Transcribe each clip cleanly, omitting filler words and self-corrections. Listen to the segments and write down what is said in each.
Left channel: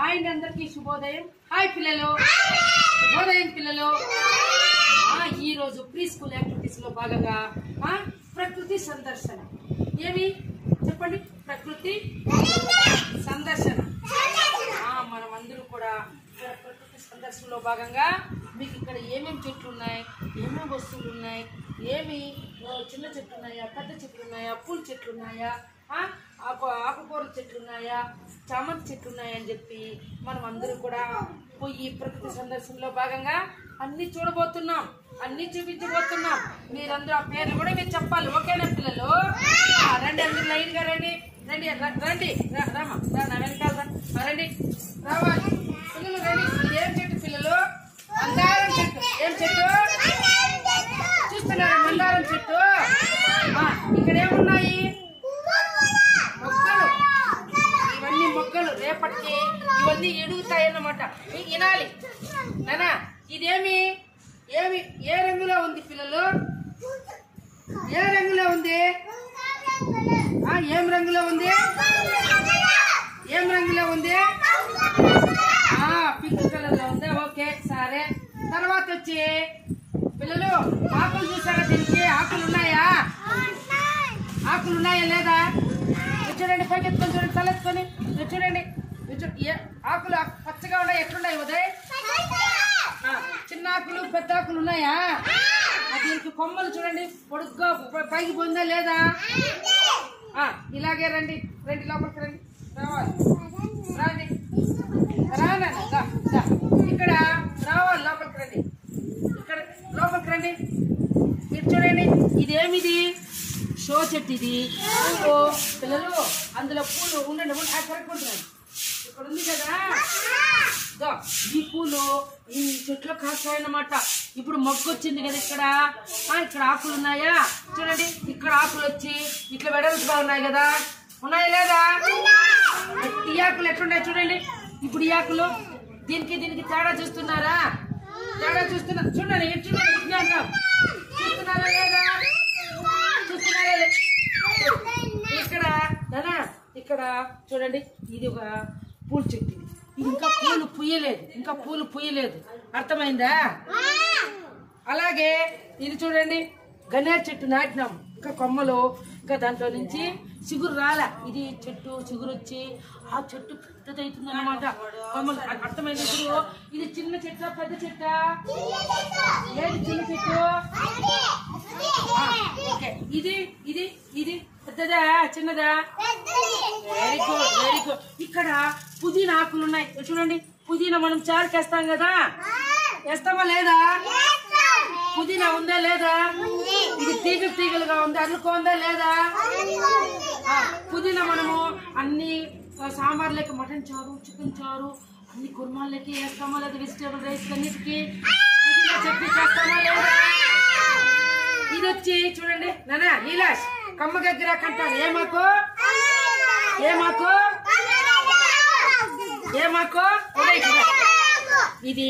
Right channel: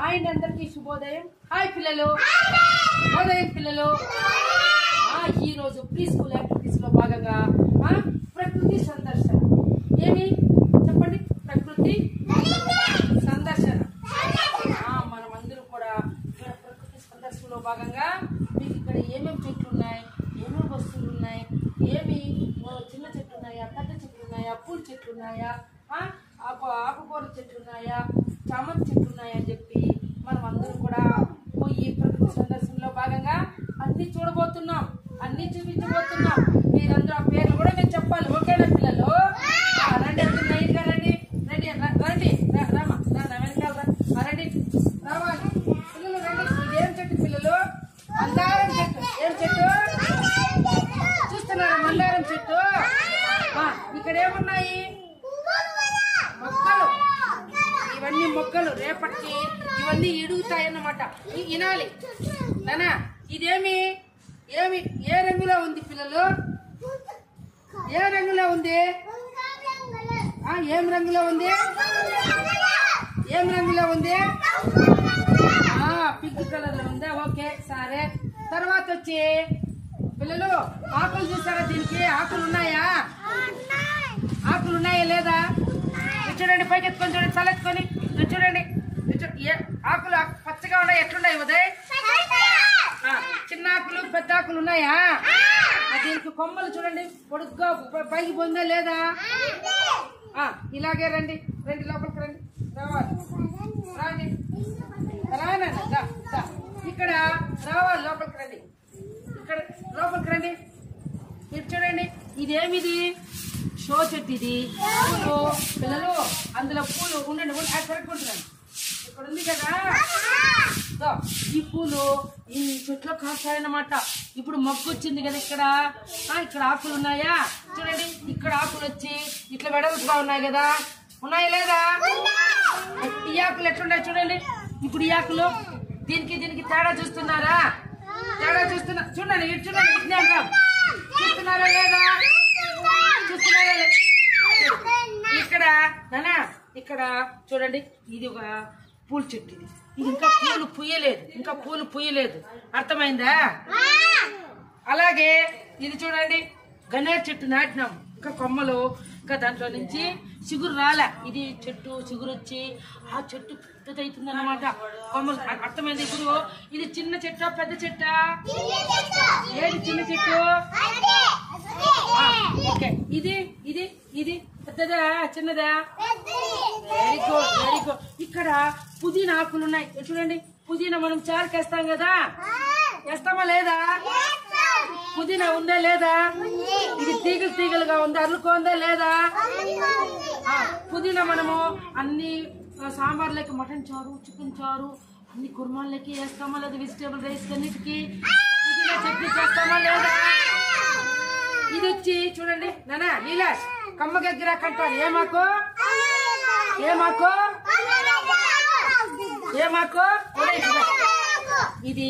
Hi అందరికీ శుభోదయం. Hi పిల్లలు, శుభోదయం పిల్లలు. ఈ రోజు ప్రీ స్కూల్ యాక్టివిటీస్ లో భాగంగా ప్రకృతి సందర్శన. ఏమి చెప్పండి? ప్రకృతి సందర్శన. మనం అందరూ కూడా ప్రకృతి సందర్శనలో భాగంగా మీకు ఇక్కడ ఏమేమి చెట్లు ఉన్నాయి, ఏమేమి వస్తువులు ఉన్నాయి, ఏమి చిన్న చెట్లు ఉన్నాయా, పెద్ద చెట్లు ఉన్నాయా, పూల చెట్లు ఉన్నాయా, ఆకుకూర చెట్లు ఉన్నాయా, చామంతి చెట్లు ఉన్నాయా అని చెప్పి మనం అందరూ కూడా ఈ ప్రకృతి సందర్శనలో భాగంగా అన్ని చూడబోతున్నాం, అన్ని చూపించబోతున్నాం. మీరందరూ ఆ పేర్లు కూడా నేను చెప్పాలి. ఓకేనా పిల్లలు? రండి, అందరూ లైన్ గా రండి. రండి రండి రామా, నా వెనకాల రండి, రావాలి పిల్లలు రండి. ఇదేం చెట్టు పిల్లలు? మందారం చెట్టు. ఏం చెట్టు చూస్తున్నారా? మందారం చెట్టు. ఇక్కడ ఏమున్నాయి? మొక్కలు. ఇవన్నీ మొక్కలు, రేపటికి ఇవన్నీ ఎడుగుతాయన్నమాట. వినాలి నానా. ఇదేమి ఏమి ఏ రంగులో ఉంది పిల్లలు? ఏ రంగులో ఉంది? ఏం రంగులో ఉంది? ఏం రంగులో ఉంది? పింక్ కలర్ లో ఉందా? ఓకే సరే. తర్వాత వచ్చి పిల్లలు ఆకులు చూసారా? దీనికి ఆకులు ఉన్నాయా? ఆకులు ఉన్నాయా లేదా? చూడండి, పైకి ఎత్తుకొని చూడండి, తలెత్తుకొని చూడండి. ఆకులు పచ్చగా ఉన్నాయి. ఎట్లున్నాయి ఉదయ్? చిన్న ఆకులు పెద్ద ఆకులు ఉన్నాయా? దీనికి కొమ్మలు చూడండి, పొడుగ్గా పైకి పొందా లేదా? ఇలాగే రండి, రండి లోపలికి రండి, రావాలి రండి, రానండి ఇక్కడ రావాలి, లోపలికి రండి, ఇక్కడ లోపలికి రండి. మీరు చూడండి, ఇదేమిది? షో చెట్టు ఇది. పిల్లలు అందులో పూలు ఉండండి, కరెక్కుంటున్నాను. ఇక్కడ ఉంది కదా, ఈ పూలు ఈ చెట్లో కాస్తాయన్నమాట. ఇప్పుడు మొగ్గు వచ్చింది కదా ఇక్కడ. ఇక్కడ ఆకులు ఉన్నాయా? చూడండి, ఇక్కడ ఆకులు వచ్చి ఇట్లా వెడల్పుగా ఉన్నాయి కదా, ఉన్నాయా లేదా? ఈ ఆకులు ఎట్లున్నాయి చూడండి. ఇప్పుడు ఈ ఆకులు దీనికి తేడా చూస్తున్నారా? తేడా చూస్తున్నారు. చూడండి, చూడండి, విజ్ఞానం చూస్తున్నారా లేదా? చూస్తున్నారా? ఇక్కడ నానా, ఇక్కడ చూడండి, ఇది ఒక పూల చెట్టు. ఇది ఇంకా పూలు పూయలేదు, అర్థమైందా? అలాగే ఇది చూడండి, గన్నేరు చెట్టు నాటినాం. ఇంకా కొమ్మలు, ఇంకా దాంట్లో నుంచి చిగురు రాలే. ఇది చెట్టు చిగురు వచ్చి ఆ చెట్టు పెద్దదవుతుంది అన్నమాట. కొమ్మలు, అర్థమైంది? ఇప్పుడు ఇది చిన్న చెట్టు పెద్ద చెట్టా? ఏది చిన్న చెట్టు? ఓకే, ఇది ఇది ఇది పెద్దదా చిన్నదా? Very good, very good. ఇక్కడ పుదీనా ఆకులు ఉన్నాయి చూడండి. పుదీనా మనం చారుకి వేస్తాం కదా, వేస్తామా లేదా? పుదీనా ఉందా లేదా? ఇది తీగలు తీగలుగా ఉందా? అల్లుకోందా లేదా? పుదీనా మనము అన్ని సాంబార్లకి, మటన్ చారు, చికెన్ చారు, అన్ని కుర్మాలకి వేస్తామా లేదా? వెజిటేబుల్ రైస్ అన్నిటికీ పుదీనా చట్నీ చేస్తామా లేదా? ఇది వచ్చి చూడండి నానా, నీలాష్ కమ్మ గగ్గిరాకంటారు. ఏమాకు? ఏమాకు? ఏమాకు? ఇది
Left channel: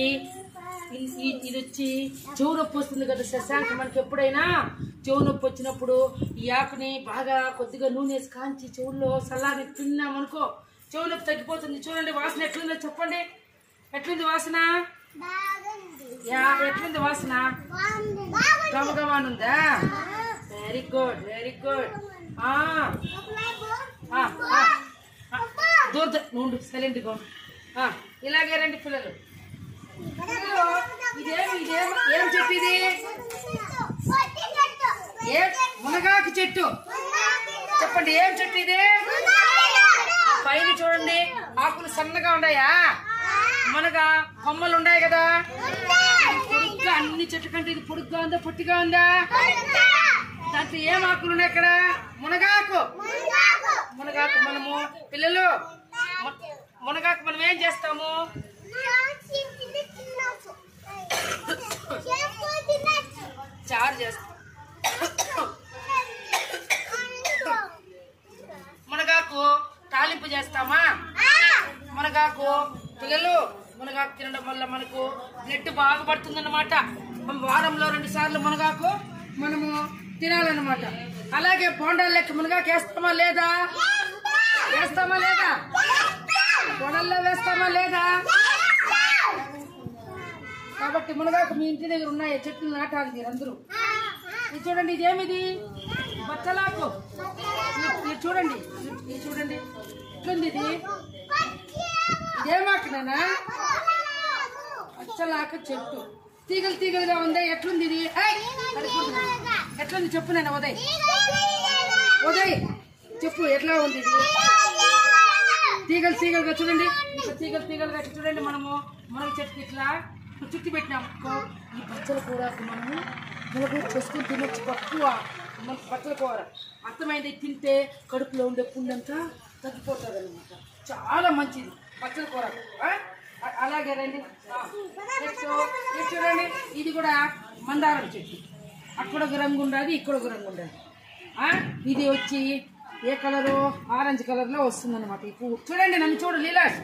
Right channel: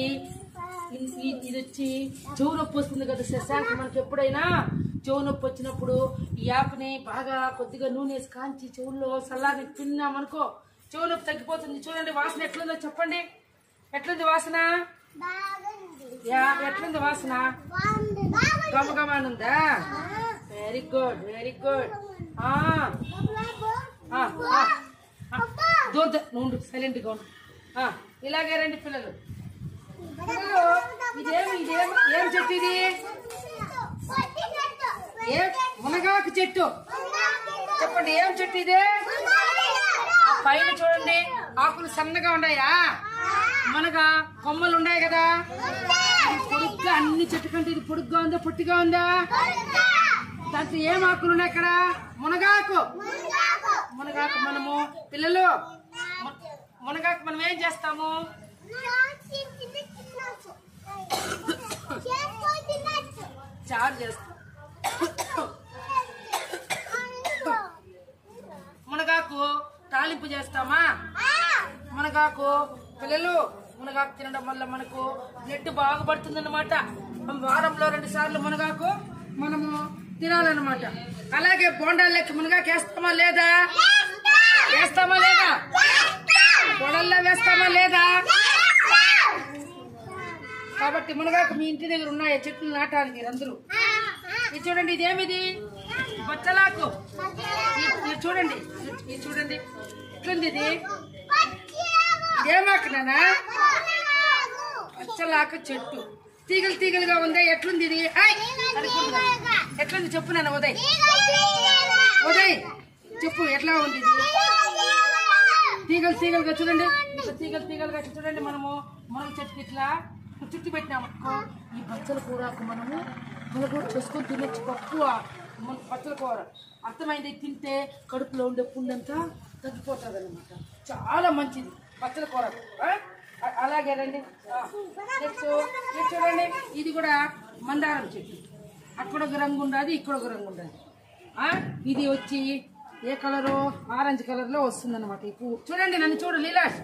వచ్చి చెవు నొప్పి వస్తుంది కదా శశాంక్. మనకి ఎప్పుడైనా చెవు నొప్పి వచ్చినప్పుడు ఈ ఆకుని బాగా కొద్దిగా నూనె వేసి కాంచి చెవుల్లో సల్లాని తిన్నామనుకో చెవు నొప్పి తగ్గిపోతుంది. చూడండి, వాసన ఎట్లుందో చెప్పండి. ఎట్లుంది వాసన? ఎట్లుంది వాసన? గమగమానుందా? Very good, very good. దూర నుండి సైలెంట్ గా ఉండు. ఇలాగే రండి పిల్లలు. ఏం చెట్టు ఇది? మునగాకు చెట్టు. చెప్పండి, ఏం చెట్టు ఇది? పైన చూడండి, ఆకులు సన్నగా ఉన్నాయా? మునగా కొమ్మలు ఉన్నాయి కదా. పొడుగ్గా అన్ని చెట్టు కంటే ఇది పొడుగ్గా ఉందా పొట్టిగా ఉందా? దాంట్లో ఏం ఆకులు ఉన్నాయి? ఇక్కడ మునగాకు. మునగాకు మనము పిల్లలు మునగాకు మనం ఏం చేస్తాము? చారు చేస్తాం. మునగాకు తాలింపు చేస్తామా? మునగాకు పిల్లలు, మునగాకు తినడం వల్ల మనకు బ్లడ్ బాగా పడుతుంది అన్నమాట. వారంలో 2 సార్లు మునగాకు మనము తినాలన్నమాట. అలాగే బోండాలు లెక్క మునగాకు వేస్తామా లేదా? వేస్తామా లేదా? కొడల్లో వేస్తామా లేదా? కాబట్టి మునగాకు మీ ఇంటి దగ్గర ఉన్నాయి చెట్లు నాటాలి మీరందరూ. ఇది చూడండి, ఇదేమిది? బచ్చలాకు. ఇది చూడండి, ఇది చూడండి ఎట్లుంది ఇది. ఇదేమాకునా? బచ్చలాకు చెట్టు తీగలు తీగలుగా ఉంది. ఎట్లుంది ఇది? ఎట్లుంది చెప్పు నాన్న. ఉదయ్ ఉదయ్ చెప్పు ఎట్లా ఉంది ఇది? తీగలు తీగలుగా చూడండి, ఇట్లా తీగలు తీగలుగా చూడండి. మనము మునగ చెట్టు ఇట్లా చుట్టి పెట్టినామనుకో ఈ బచ్చల కూరకు మనము మునగ చేసుకొని తినొచ్చు. తక్కువ మనకు బచ్చల కూర అర్థమైంది. తింటే కడుపులో ఉండే పుండంతా తగ్గిపోతుంది అనమాట. చాలా మంచిది బచ్చల కూర. అలాగే రండి. చూడండి, ఇది కూడా మందారం చెట్టు. అక్కడ ఒక రంగు ఉండాలి, ఇక్కడ ఒక రంగు ఉండాలి. ఇది వచ్చి ఏ కలరు? ఆరెంజ్ కలర్ లో వస్తుంది అనమాట ఈ పువ్వు. చూడండి, నన్ను చూడు లీలాష్.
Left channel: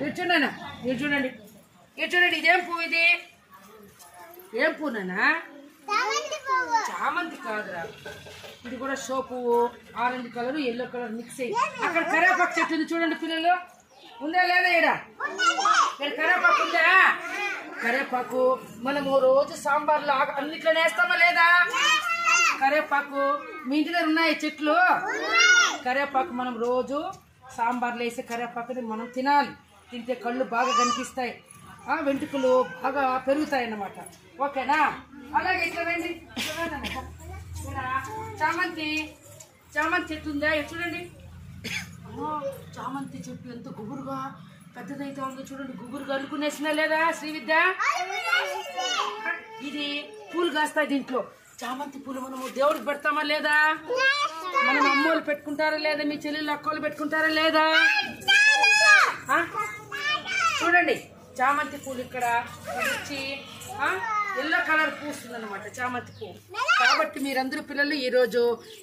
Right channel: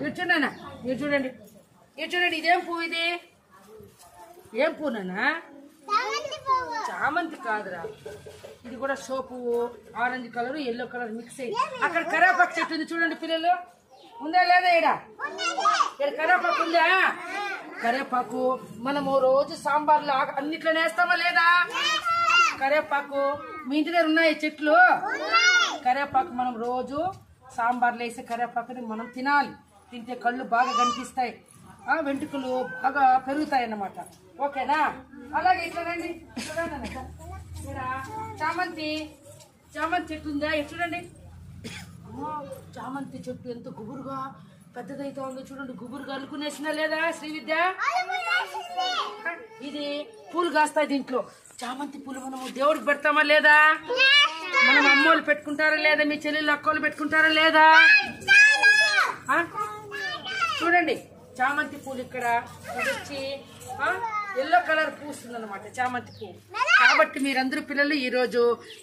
ఇది చూడండి, ఇది చూడండి, ఇది చూడండి. ఇదేం పువ్వు? ఇది ఏం పువ్వునా? చామంతి కాదురా, ఇది కూడా షో పువ్వు. Orange colour yellow colour mix అయ్యి. అక్కడ కరేపాకు చెట్టు ఉంది చూడండి పిల్లలు. ఉందా లేదా? ఇక్కడ కరేపాకు ఉందా? కరేపాకు మనము రోజు సాంబార్లో అన్నిట్లోనే వేస్తామా లేదా? కరేపాకు మీ ఇంటి దగ్గర ఉన్నాయి చెట్లు. కరేపాకు మనం రోజు సాంబార్లో వేసే కరేపాకుని మనం తినాలి. తింటే కళ్ళు బాగా కనిపిస్తాయి, వెంట్రుకలు బాగా పెరుగుతాయి అన్నమాట. ఓకేనా? అలాగే ఇట్లా రండి. చామంతి చామంతి చెట్టు ఉందా? చూడండి, చామంతి చెట్టు ఎంత గుబురుగా పెద్దదైతే ఉంది చూడండి. గుబురుగా అనుకునేసినా లేదా శ్రీ విద్య? ఇది పూలు కాస్తాయి దీంట్లో. చామంతి పూలు మనము దేవుడికి పెడతామా లేదా? మనం అమ్మోళ్ళు పెట్టుకుంటారా లేదా? మీ చెల్లెళ్ళు అక్కోళ్ళు పెట్టుకుంటారా లేదా? చూడండి, చామంతి పూలు ఇక్కడ వచ్చి ఎల్లో కలర్ పూస్తుంది అనమాట చామంతి పువ్వు. కాబట్టి మీరందరూ పిల్లలు ఈరోజు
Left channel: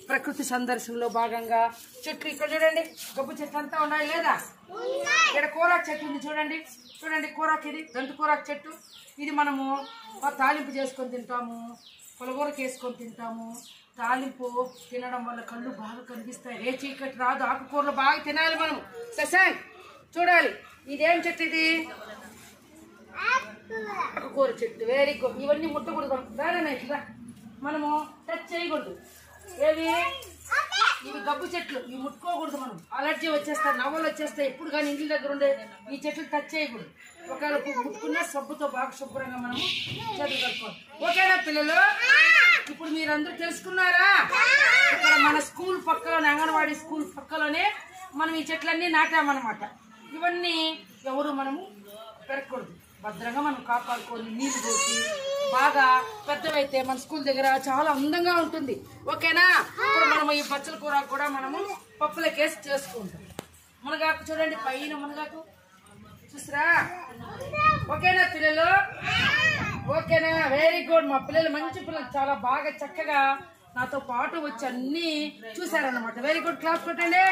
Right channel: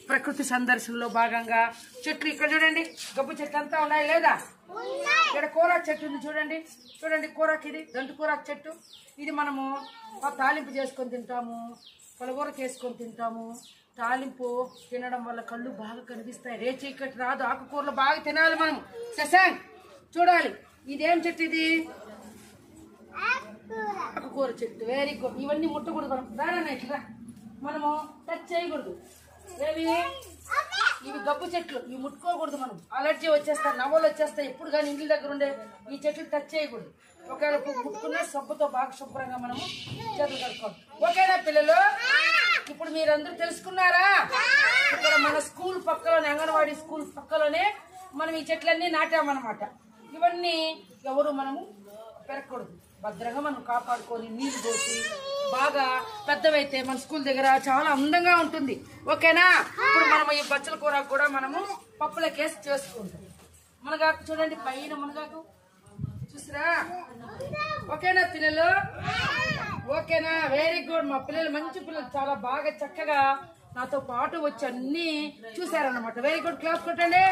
ప్రకృతి సందర్శనలో భాగంగా చెట్లు ఇక్కడ చూడండి, గబ్బు చెట్లు అంతా ఉన్నాయి లేదా? ఇక్కడ కూరాకు చెట్టు ఉంది చూడండి. చూడండి కూరాకు, ఇది రెండు కూరాకు చెట్టు. ఇది మనము తాలింపు చేసుకొని తింటాము, పులగూరకి వేసుకొని తింటాము. తాలింపు తినడం వల్ల కళ్ళు బాగా కనిపిస్తాయి. రేచీకటి రాదు. ఆకుకూరలు బాగా తినాలి మనము. శశాంక్ చూడాలి. ఇదేం చెట్టు? ఇది ఆకుకూర చెట్టు. Very good. ఇవన్నీ ముట్టకూడదు దాని ఇట్లా మనము టచ్ చేయకూడదు. ఏవి? ఇవి గబ్బు చెట్లు. ఇవి ముట్టుకోకూడదు. మనం అలర్జీ వచ్చేస్తాయి, నవ్వులు వచ్చేస్తాయి. ఎప్పుడు కానీ ఇంటి దగ్గర ఉండే ఈ చెట్లు టచ్ చేయకూడదు. ఒకవేళ ముట్టుకున్నా సబ్బుతో బాగా శుభ్రంగా మనము చేతులు కట్టుకోవాలి. ఓకేనా పిల్లలు? ఇప్పుడు మీరందరూ తెలుసుకున్నారా? ఇక్కడ మన స్కూల్ పక్కలోనే, అంగన్వాడీ స్కూల్ పక్కలోనే మనం ఈ చెట్లన్నీ నాటామన్నమాట. ఇవన్నీ ఎవరు మనము పెరగకూడదు. భద్రంగా మనం కాపాడుకొని నీళ్లు పోసి బాగా పెద్దవైతే మన స్కూల్ దగ్గర చాలా అందంగా ఉంటుంది. ఓకేనా? ఇప్పుడు మనం ఈ బచ్చల కూర కూడా మనము పప్పులకేసి చేసుకుంటాం. మునగాకు చూడండి, పైన మునగాకు చూసారా? ఓకేనా పిల్లలు? ఓకేనా? Very good. మా పిల్లలు మంచి పిల్లలు, చాలా బాగా చక్కగా నాతో పాటు వచ్చి అన్ని చూసారన్నమాట. Very good. క్లాస్ కొట్టండి.